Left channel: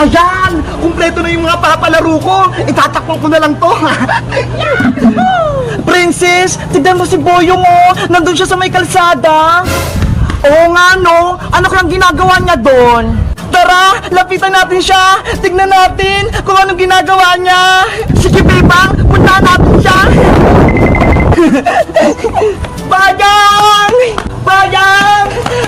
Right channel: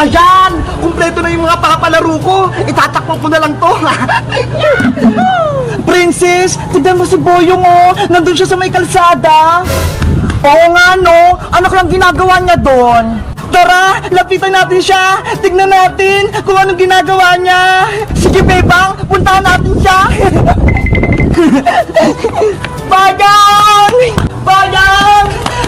Ayan! Kumpleto na yung mga papalaro ko. Itatakpan ko na lang to. Princess, tignan mo si Boyong oh. Nandun siya sa may kalsada. Oo nga no. Ano lang ginagawa niya doon? Tara, lapitan natin siya. Tignan natin kung anong ginagawa niya. Sige, Bebang, puntahan natin siya. Bayang! Bayang!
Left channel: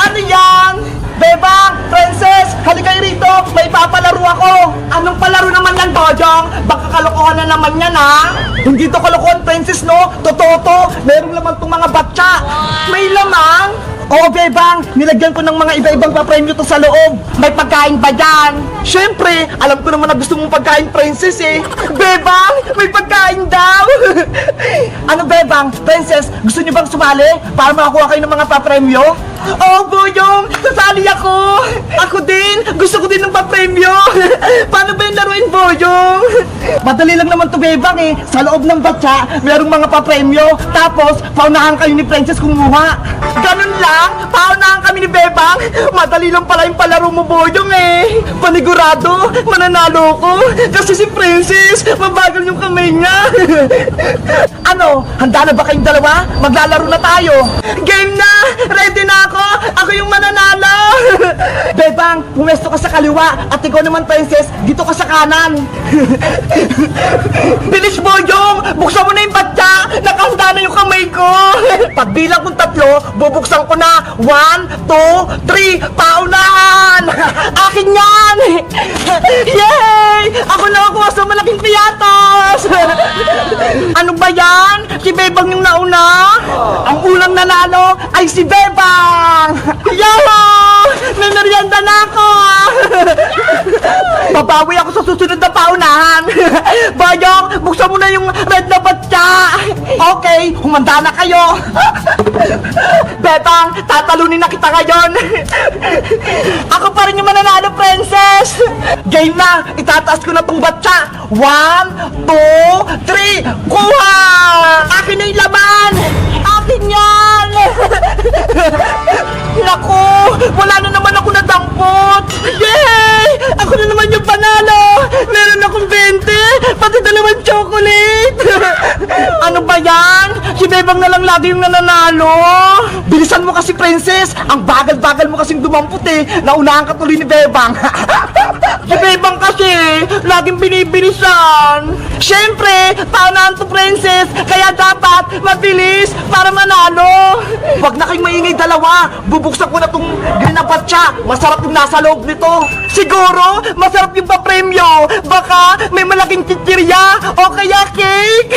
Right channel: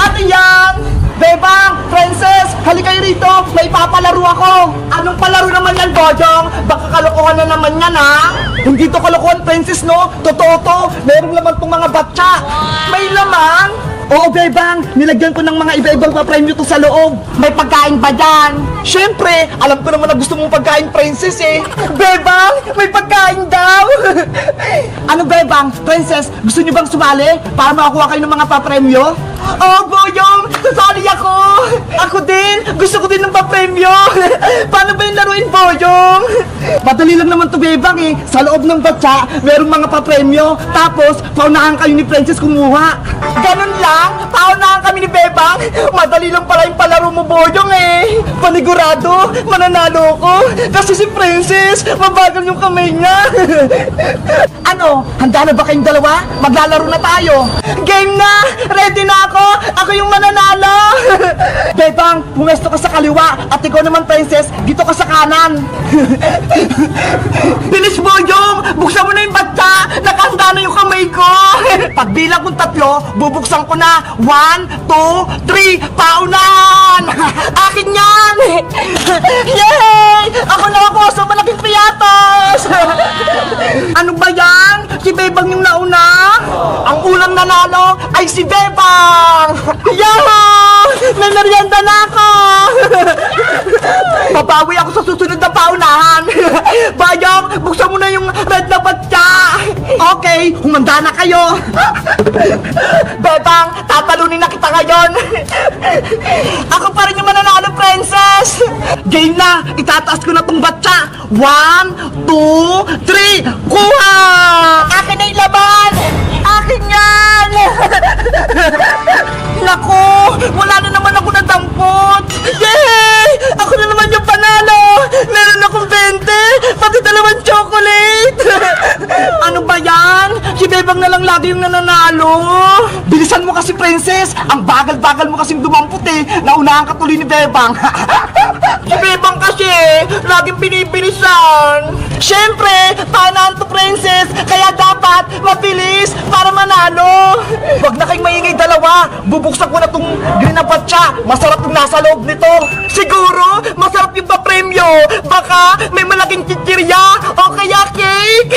Ano yan? Bebang! Princess! Halika kayo rito! May papalaro ako! Anong palaro naman yan, Bojong? Baka kalokohan na naman yan, ha? Hindi to kalokohan, Princess, no? Totoo to! Meron laman tong mga batsa! May lamang! Oo, Bebang! Nilagyan ko ng mga iba-ibang papremyo to sa loob! May pagkain ba dyan? Siyempre! Alam ko naman na gusto mong pagkain, Princess, eh! Bebang! May pagkain daw! Ano, Bebang? Princess, gusto niyo bang sumali para makakuha kayo ng mga papremyo? Oh, Boyong! Sasali ako! Ako din! Gusto ko din ng papremyo! Paano ba yung laruin, Boyong? Madali lang naman to, Bebang, eh. Sa loob ng batsa, merong mga papremyo. Tapos, paunahan kayo ni Princess kumuha. Ganun lang? Paunahan kami ni Bebang? Madali lang pala yung palaro mo, Boyong, eh. Panigurado, mananalo ko. Kasi si Princess, mabagal yung kamay niya. Ano? Handa na ba kayong dalawa? Maglalaro na tayo. Game na! Ready na ako! Ako yung mananalo! Bebang, pumesto ka sa kaliwa at ikaw naman, Princess, dito ka sa kanan. Bilis, Boyong! Buksan mo na yung batsa! Nakahanda na yung kamay ko! Pagbilang kong 3, bubuksan ko na. 1, 2, 3, paunan! Akin yan! Yay! Ako nakakuha sa malaking piyatos! Ano ba yan? Si Bebang yung nauna? Ang unang nanalo ay si Bebang! Yahoo! Nanarianda na ako! Babawi ako sa susunod na paunahan! Bayong, buksan mo na yung red na batya! Okay, humanda na kayo! Bebang, tatalunin na kita ngayon! Ako pa rin yung mananalo, Princess! Game na! Itataas ko na tong batya! 1, 2, 3, kuha! Akin na yung laman! Akin yan! Naku! Wala na naman ako nadampot! Yay! Ako na naman yung panalo! Meron akong 20! Pati dalawang chocolate! Ano ba yan? Si Bebang na lang lagi yung nananalo! Bilisan mo kasi, Princess! Ang bagal-bagal mo kasing dumampot eh! Naunahan ka tuloy ni Bebang! Si Bebang kasi laging binibilisan! Siyempre! Paunahan to, Princess! Kaya dapat mabilis para manalo! Huwag na kayong maingay dalawa! Bubuksan ko na tong green na batsa! Masarap yung nasa loob nito! Siguro, masarap yung papremyo! Baka may malaking chichirya o kaya cake!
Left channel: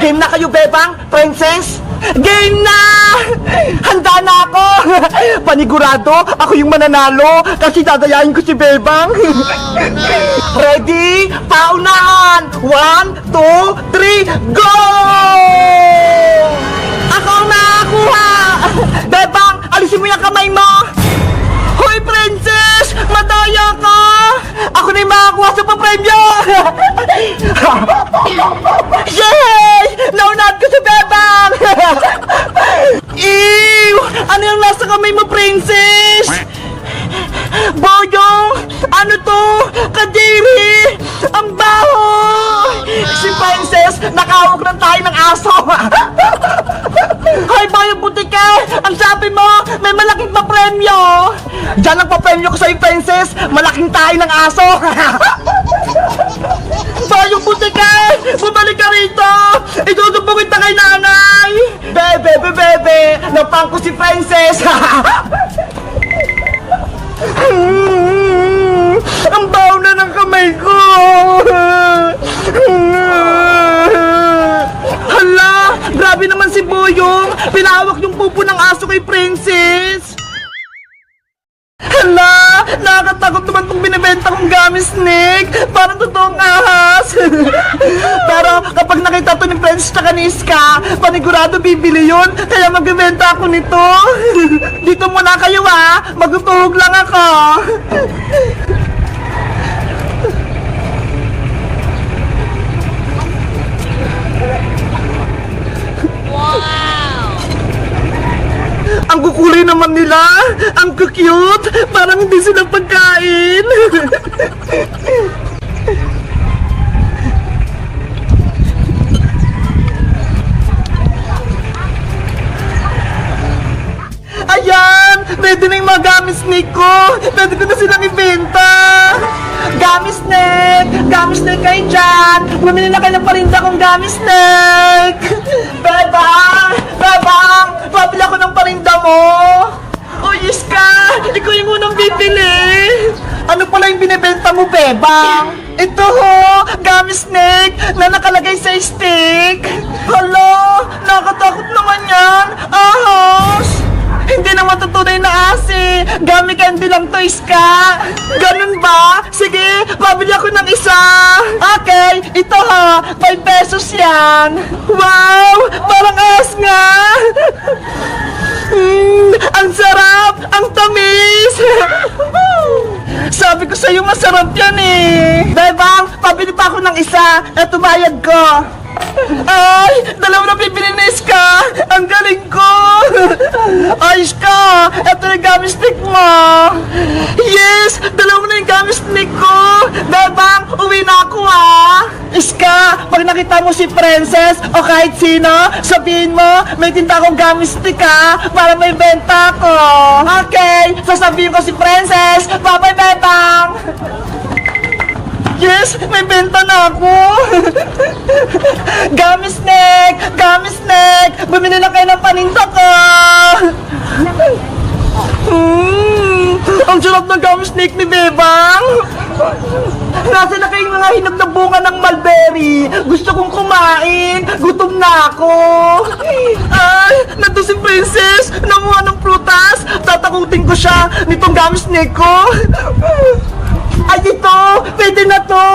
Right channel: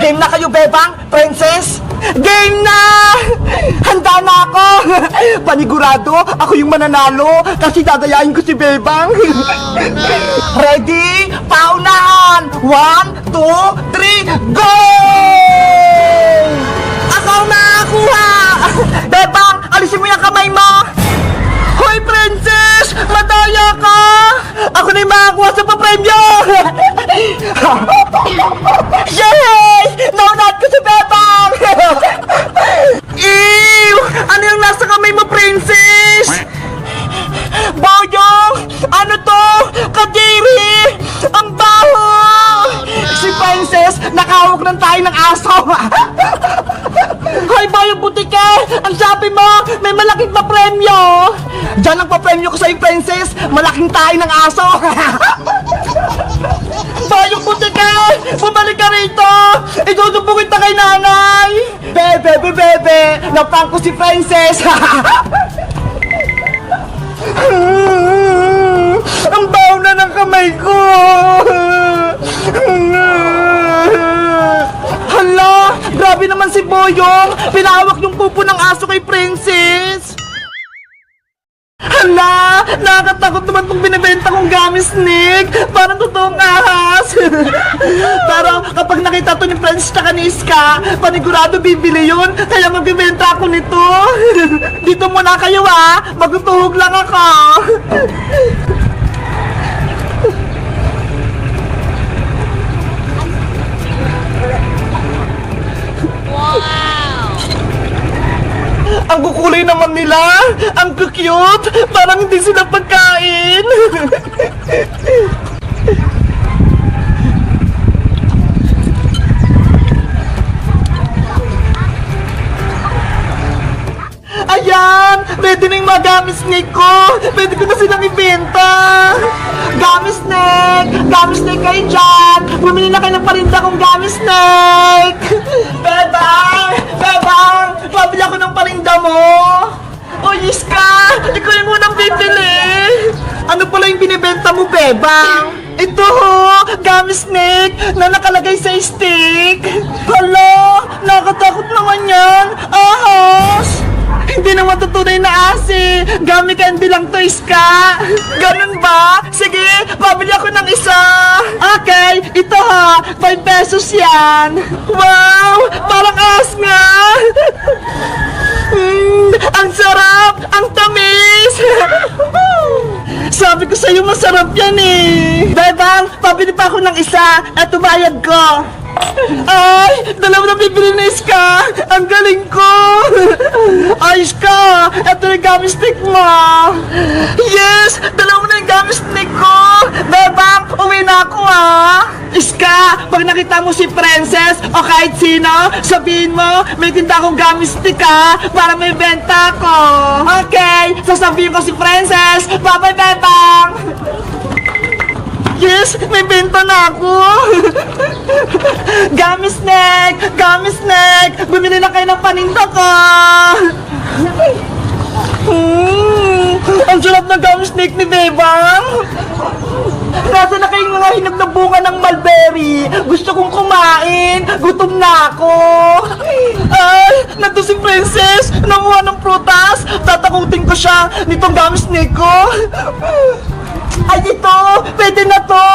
Game na kayo, Bebang! Princess! Game na! Handa na ako! Panigurado, ako yung mananalo kasi dadayain ko si Bebang! Ready? Paunahan! 1, 2, 3, go! Ako ang nakakuha! Bebang, alisin mo yung kamay mo! Hoy, Princess! Madaya ka! Ako na yung makakuha sa papremyo! Yay! Naunahan ko si Bebang! Ew! Ano yung nasa kamay mo, Princess? Boyong! Ano to? Kadiri! Ang baho! Si Princess, nakahawak ng tayo ng aso! Hoy, Boyong Butike! Ang sabi mo, may malaking papremyo! Diyan ang papremyo ko sa'yo, Princess! Malaking tayo ng aso! Boyong Butike! Bumalik ka rito! Idudubungin ta kay nanay! Bebe! Napang ko si Princess! Ang baho na ng kamay ko! Hala! Grabe naman si Boyong! Pinahawak yung pupo ng aso kay Princess! Hala! Nakakatakot naman itong binibenta kong gamis, Nick! Parang totoong ahas! Pero kapag nakita to ni Princess tsaka ni Iska, panigurado bibili yun! Kaya magbibenta ako nito! Dito muna kayo ah! Magtutuhog lang ako! Wow! Ang kulay naman nila. Ang cute. Parang hindi sila pagkain. Ayan! Ready na yung mga gummy snake ko! Ready ko na silang ibenta! Gummy snake! Gummy snake kayo dyan! Bumili na kayo ng parinda kong gummy snake! Bebang! Bebang! Pabili ako ng parinda mo! Oh, yes ka! Ikaw yung unang bibili! Ano pala yung binibenta mo, Bebang? Ito ho! Gummy snake na nakalagay sa stick! Hala! Nakatakot naman yan! Ahos! Hindi naman tutunay na asi. Gummy candy lang to, Iska. Ganun ba? Sige, pabili ako ng isa. Okay, ito ha. 5 pesos yan. Wow! Parang as nga. Ang sarap! Ang tamis! Sabi ko sa'yo masarap yan eh. Bebang, pabili pa ako ng isa. Eto bayad ko. Ay! Dalawa na bibili na, Iska! Ang galing ko! Ay, Iska! Ito na yung gummy stick mo! Yes! Dalawa na yung gummy stick ko! Bebang! Uwi na ako, ah! Iska! Pag nakita mo si Princess o kahit sino, sabihin mo, may tinda akong gummy stick, ah! Para may benta ako! Okay! Sasabihin ko si Princess! Bye-bye, Bebang! Yes! May benta na ako! Gummy snake! Gummy snake! Bumili lang kayo ng paninda ko! Ang sarap ng gummy snake ni Bebang! Nasa na kayong mga hinog na bunga ng mulberry? Gusto kong kumain! Gutom na ako! Ay! Nandun si Princess! Namuha ng prutas! Tatakutin ko siya nitong gummy snake ko! Ay, ito! Pwede na to!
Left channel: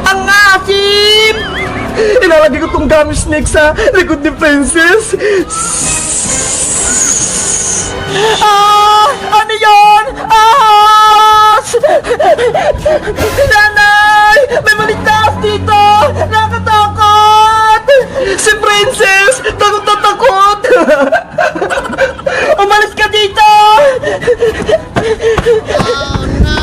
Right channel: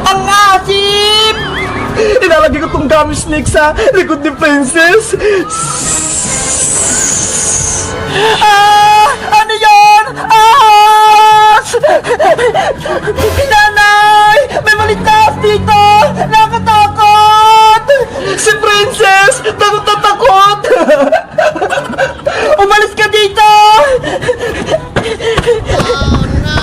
Ang asim! Ilalagay ko tong gummy snake sa likod ni Princess. Ah! Ano yun? Ahos! Nanay! May maligtas dito! Nakatakot! Si Princess! Takot na takot! Umalis ka dito! Oh no!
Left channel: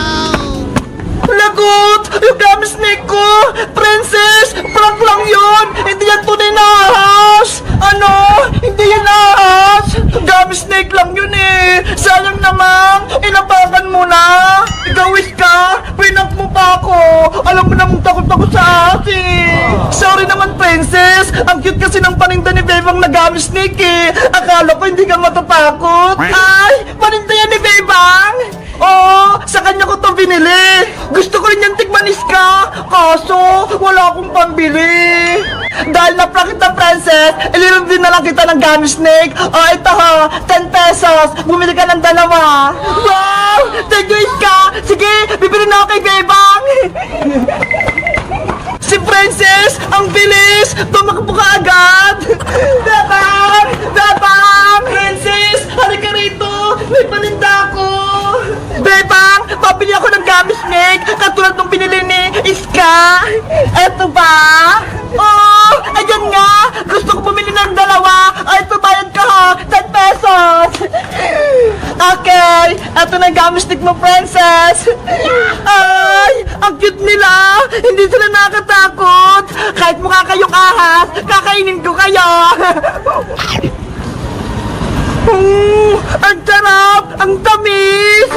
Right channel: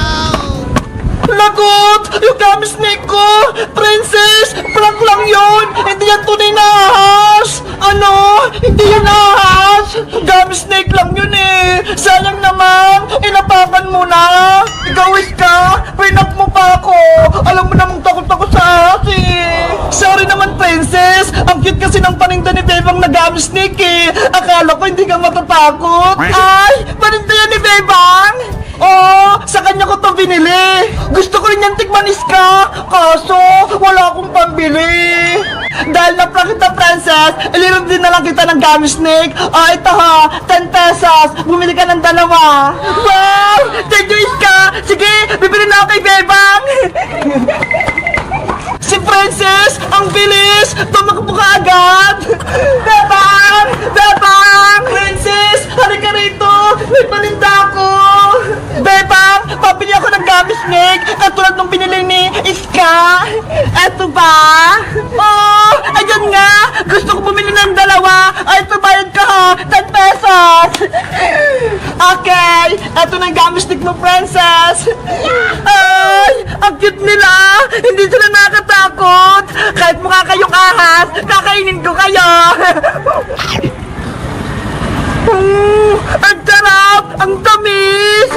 Lagot! Yung gummy snake ko! Princess! Prank lang yun! Hindi yan tunay na ahas! Ano? Hindi yan ahas! Gummy snake lang yun eh! Sayang naman! Inapakan mo na! Igawis ka! Pinak mo pa ako! Alam mo namang takot-takot sa ahas eh! Sorry naman, Princess! Ang cute kasi ng paninda ni Bebang na gummy snake eh! Akala ko hindi ka matatakot! Ay! Paninda yan ni Bebang! Oh, sa kanya ko to binili. Gusto ko rin yung tikman, Iska. Kaso, wala akong pambili. Dahil na-prank kita, Princess, ililog din na lang kita ng gummy snake. Ah, ito ha, 10 pesos. Bumili ka ng dalawa. Wow! Thank you, Iska. Sige, bibili na ako kay Bebang. Si Princess, ang bilis. Tumakbo ka agad. Bebang! Bebang! Princess, halika rito. May paninda ako. Bebang, pabili ako ng gummy snake katulad ng binili ni Iska. Eto ba? Oh, ayun nga. Gusto ko bumili ng dalawa. Ay, ito bayad ka ha. 10 pesos. Okay, eto na yung gummy stick mo, Princess. Ay, ang cute nila. Hindi sila nakakatakot. Kahit mukha kayong ahas, kakainin ko kayo. Ang sarap! Ang tamis!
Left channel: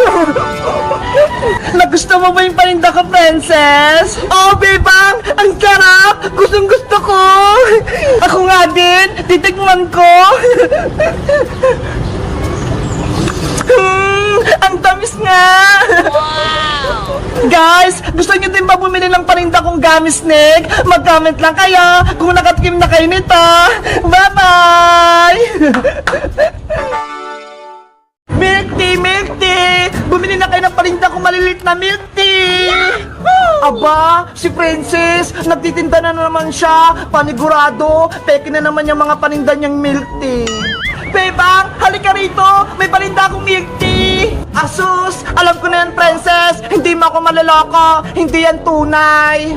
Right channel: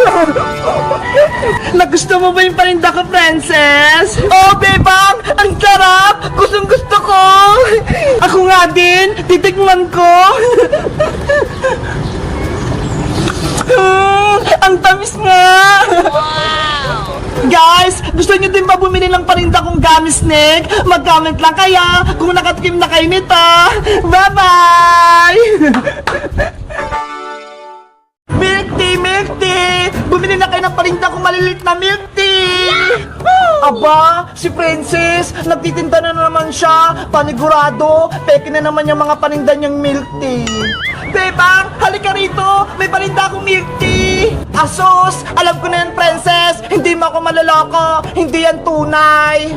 Nagusto mo ba yung paninda ko, Princess? Oh, Bebang! Ang sarap! Gustong gusto ko! Ako nga din! Titikman ko! Ang tamis nga! Wow! Guys, gusto nyo din ba bumili ng paninda kong gummy snake? Mag-comment lang kayo kung nakatikim na kayo nito. Bye-bye! Milk tea, milk tea! Bumili na kayo ng paninda kong malilit na milk tea! Aba, si Princess, nagtitinda na naman siya. Panigurado, peke na naman yung mga paninda niyang milk tea. Bebang, halika rito! May paninda akong milk tea! Asus! Alam ko na yan, Princess! Hindi mo ako maloloko! Hindi yan tunay!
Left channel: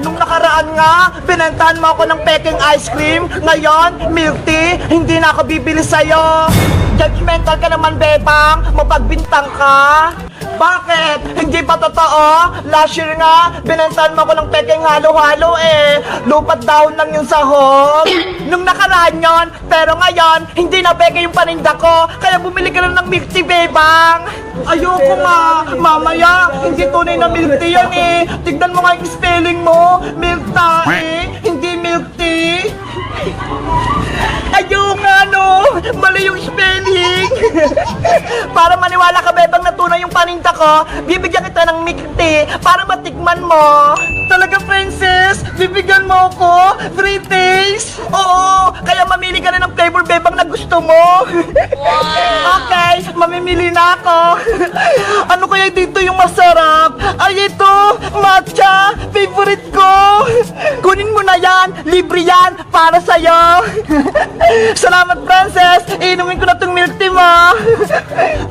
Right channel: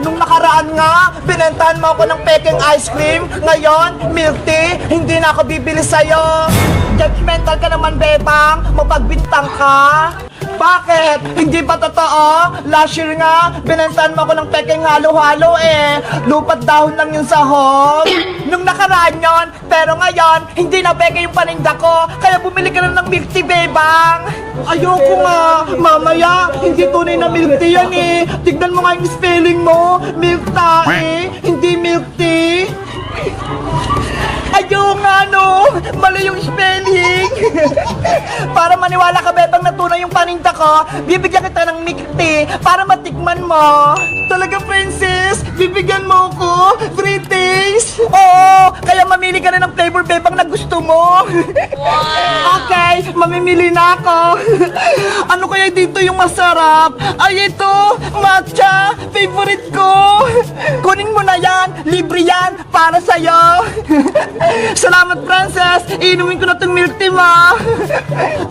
Nung nakaraan nga, binentahan mo ako ng peking ice cream. Ngayon, milk tea, hindi na ako bibili sa'yo. Judgmental ka naman, Bebang. Mapagbintang ka. Bakit? Hindi pa totoo? Last year nga, binentahan mo ako ng peking halo-halo eh. Lupat dahon lang yung sahog. Nung nakaraan yon, pero ngayon, hindi na peke yung paninda ko. Kaya bumili ka na ng milk tea, Bebang. Ayoko nga. Mamaya, hindi tunay na milk tea yan eh. Tignan mo nga yung spelling mo. Milk tae, hindi milk tea. Ayaw nga no, mali yung spelling. Para maniwala ka, Bebang, na tunay yung paninda ko, bibigyan kita ng milk tea para matikman mo. Talaga, princess? Bibigyan mo ako? Free taste? Oo, kaya mamili ka na ng flavor, Bebang, na gusto mo. Okay, mamimili na ako. Ano kaya dito yung masarap? Ay, ito, matcha, favorite ko. Kunin mo na yan, libre yan, para sa'yo. Salamat, princess. Inumin ko na tong milk tea, ma.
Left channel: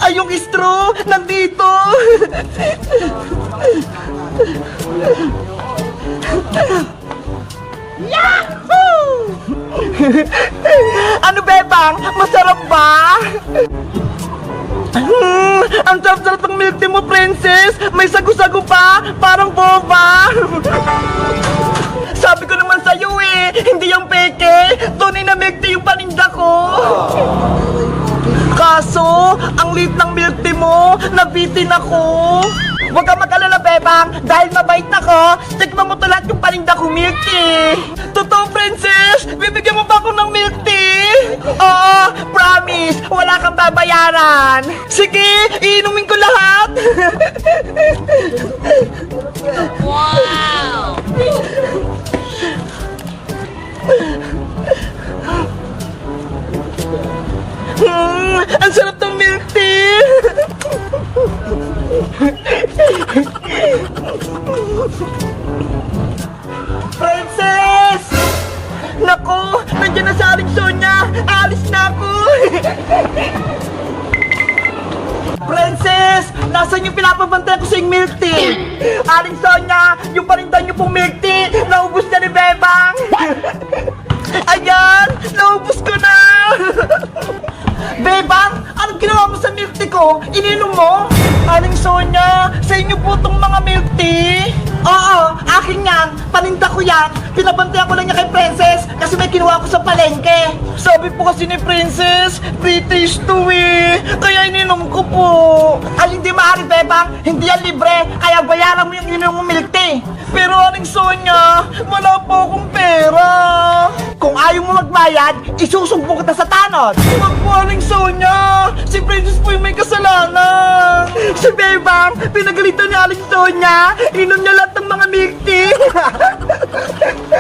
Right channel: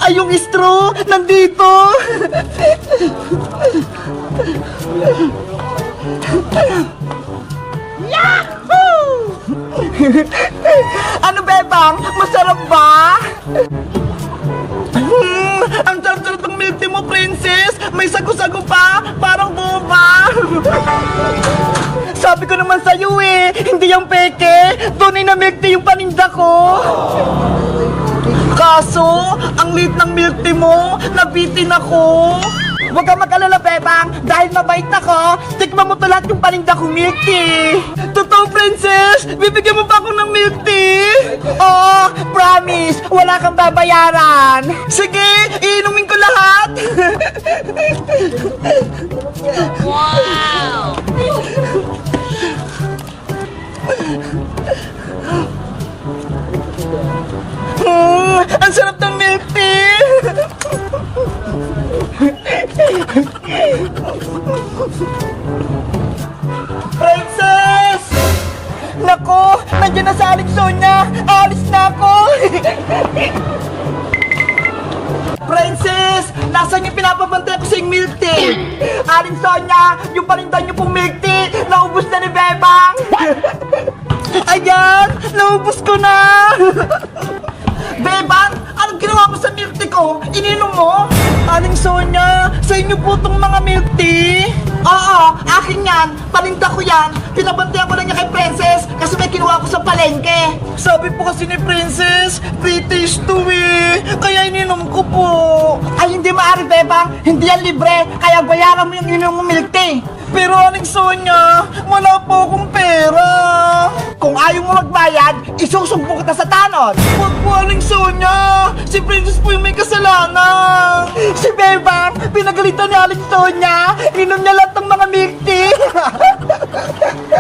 Ay, yung straw, nandito. Yahoo! Ano, Bebang? Masarap ba? Ang sarap-sarap ng milk tea mo, princess. May sago-sago pa, parang boba. Sabi ko naman sa'yo eh, hindi yung peke. Tunay na milk tea yung paninda ko. Kaso, ang liit ng milk tea mo, nabitin ako. Huwag kang mag-alala, Bebang, dahil mabait ako, tikman mo to lahat yung paninda ko milk tea. Totoo, princess? Bibigyan mo ba ako ng milk tea? Oo, promise, wala kang babayaran. Sige, iinumin ko lahat. Wow! Ang sarap ng milk tea. Princess! Nako, nandiyan na sa Aling Sonia. Alis na ako. Princess, nasan yung pinapabantay ko sa yung milk tea? Aling Sonia, yung paninda niyo pong milk tea, naubos na ni Bebang. Ayan, naubos ko na. Bebang, anong ginawa mo sa milk tea ko? Ininom mo? Aling Sonia, sa inyo po tong mga milk tea? Oo, akin yan. Paninda ko yan. Pinabantay ko lang niya kay Princess kasi may kinuha ko sa palengke. Sabi po kasi ni Princess, free taste to eh. Kaya ininom ko po. Ay, hindi maaari, Bebang. Hindi yan libre. Kaya bayaran mo yung ininom mo milk tea. Pero Aling Sonia, wala po akong pera. Kung ayaw mo magbayad, isusumpo kita sa tanod. Huwag po, Aling Sonia. Si Princess po yung may kasalanan. Si Bebang, pinagalitan ni Aling Sonia. Inom niya lahat ng mga milk tea.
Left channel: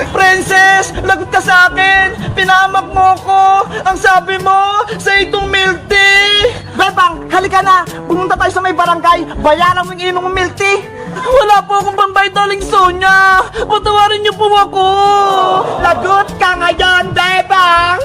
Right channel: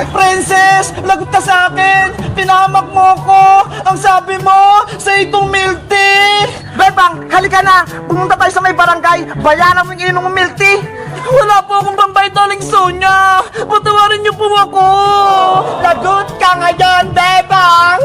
Princess, lagot ka sa akin. Pinahamak mo ko. Ang sabi mo, sa itong milk tea. Bebang, halika na. Pumunta tayo sa may barangay. Bayaran mo yung inom mo milk tea. Wala po akong pambayad, Aling Sonia. Patawarin niyo po ako. Lagot ka ngayon, Bebang.